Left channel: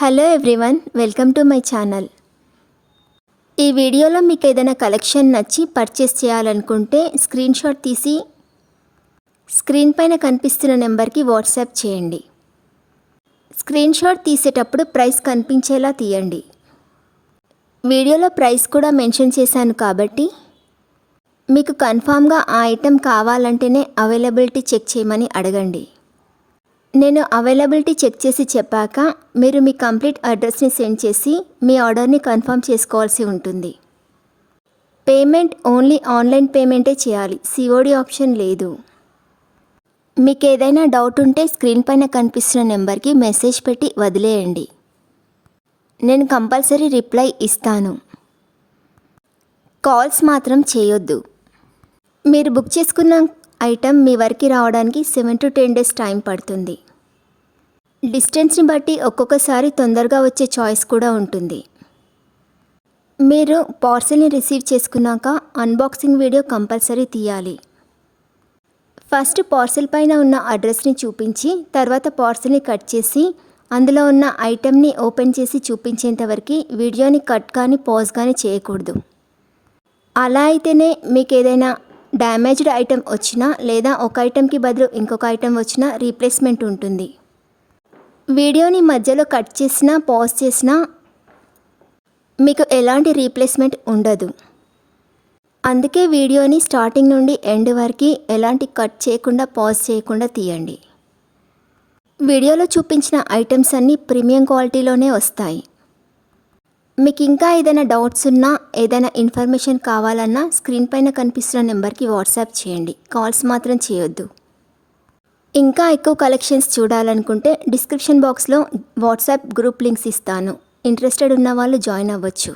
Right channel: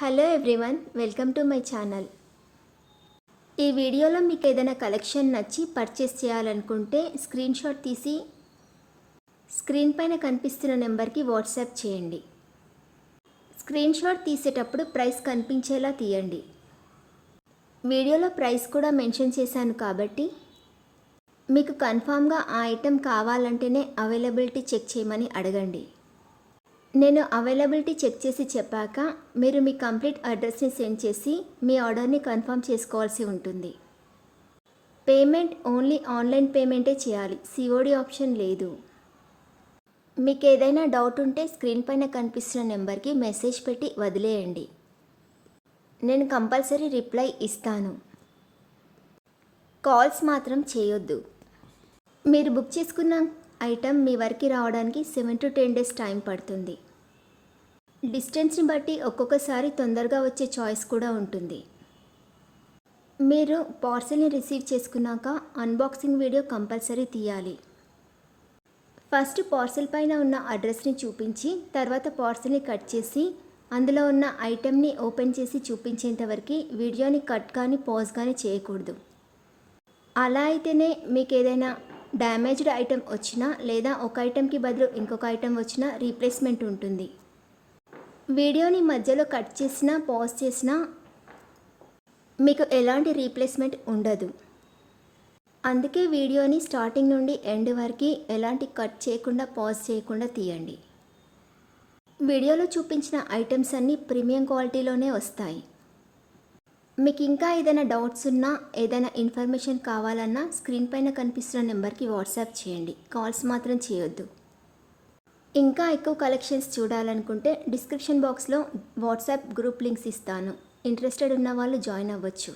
Hello everyone, welcome to my channel. ఈ వీడియోలో మీకు ఏదైనా కలెక్షన్ నచ్చి పర్చేస్ చేయాలనుకుంటే స్క్రీన్ షాట్ తీసి స్క్రీన్ పైన కనిపిస్తున్న నెంబర్కి వాట్సాప్ చేయండి. స్క్రీన్ షాట్ తీసేటప్పుడు ప్రైస్ కనిపించేలా తీయండి. వీడియోలో ప్రైస్ కూడా మెన్షన్ చేశాను కాబట్టి మీకు కన్ఫామ్గా ఆ ఐటెం కావాలంటేనే అవైలబిలిటీ చెక్ చేయమని అడగండి. నేను అవైలబిలిటీ చెక్ చేసి చెప్పాక మీరు మీ కంప్లీట్ అడ్రస్ని సెండ్ చేసి మీ ఆర్డర్ని కన్ఫర్మ్ చేసుకోవాల్సి ఉంటుంది. పేమెంట్ ఓన్లీ ఆన్లైన్ పేమెంటే చేయాలి, సిఓడి ఆప్షన్ లేదు. మీకు ఏదైనా డౌట్ ఉంటే స్క్రీన్ పైన కనిపిస్తున్న నెంబర్కి మెసేజ్ పెట్టి వదిలేయండి. నేను కంపల్సరీ రిప్లై ఇస్తాను. కాల్స్ మాత్రం చేయొద్దు. మీరు బుక్ చేసుకున్న ఐటెం మీ వరకు రావడానికి 7 to 10 days టైం పడుతుంది. డిస్టెన్స్ని బట్టి ఒక్కొక్కసారి తొందరగా వచ్చే చాయిస్ కూడా ఉంటుంది. మీరు పార్సెల్ని రిసీవ్ చేసుకున్నాక అన్బాక్సింగ్ వీడియో కంపల్సరీ తీయాలి. ఫస్ట్ పార్సెల్ పైన ఉన్న అడ్రస్ని చూపించి తర్వాత పార్సెల్ని కట్ చేసి అందులో ఉన్న ఐటెంని ఓపెన్ చేసి చూపించేంతవరకు వీడియోని కట్ కానీ పాజ్ కానీ చేయకూడదు. అలా అయితేనే మీకు ఏదైనా డ్యామేజ్డ్ ఐటెం వచ్చినా లేదా ఒక ఐటెంకి బదులు ఇంకొక ఐటెం వచ్చినా రీప్లేస్మెంట్ ఉంటుంది. వీడియోని మధ్యలో కట్ చేసినా పాజ్ చేసినా మీకు ఎలాంటి రీప్లేస్మెంట్ ఉండదు. అందుకే వీడియోని స్టార్టింగ్ నుండి ఎండ్ వరకు ఎలాంటి కట్ చేయకుండా పాజ్ చేయకుండా తీయండి. వీడియోలో చూపించిన ఐటమ్స్ అన్నీ ప్రీమియం క్వాలిటీలోనే వస్తాయి. మీకు ఇంకా ఏదైనా డౌట్స్ ఉన్నా ఏదైనా ఇన్ఫర్మేషన్ కావాలన్నా స్క్రీన్ పైన కనిపిస్తున్న నెంబర్కి వాట్సాప్ చేయండి. కాల్స్ మాత్రం చేయొద్దు. ఇంకా ఎక్కువ కలెక్షన్స్ చూడాలనుకుంటే డిస్క్రిప్షన్ బాక్స్లో వాట్సాప్ గ్రూప్ లింక్స్ ఇస్తాను. ఇంట్రెస్టెడ్ ఉన్న వాళ్ళు జాయిన్ అవ్వచ్చు.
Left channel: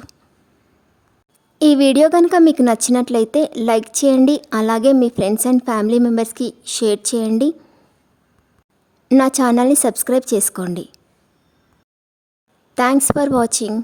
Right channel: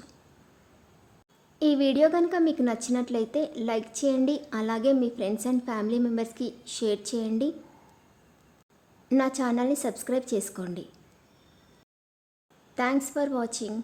ఈ వీడియో కనుక మీకు నచ్చినట్లయితే లైక్ చేయండి. అలాగే మీ ఫ్రెండ్స్ అండ్ ఫ్యామిలీ మెంబర్స్కి షేర్ చేయండి. నా ఛానల్ని సబ్స్క్రైబ్ చేసుకోండి. Thanks for watching.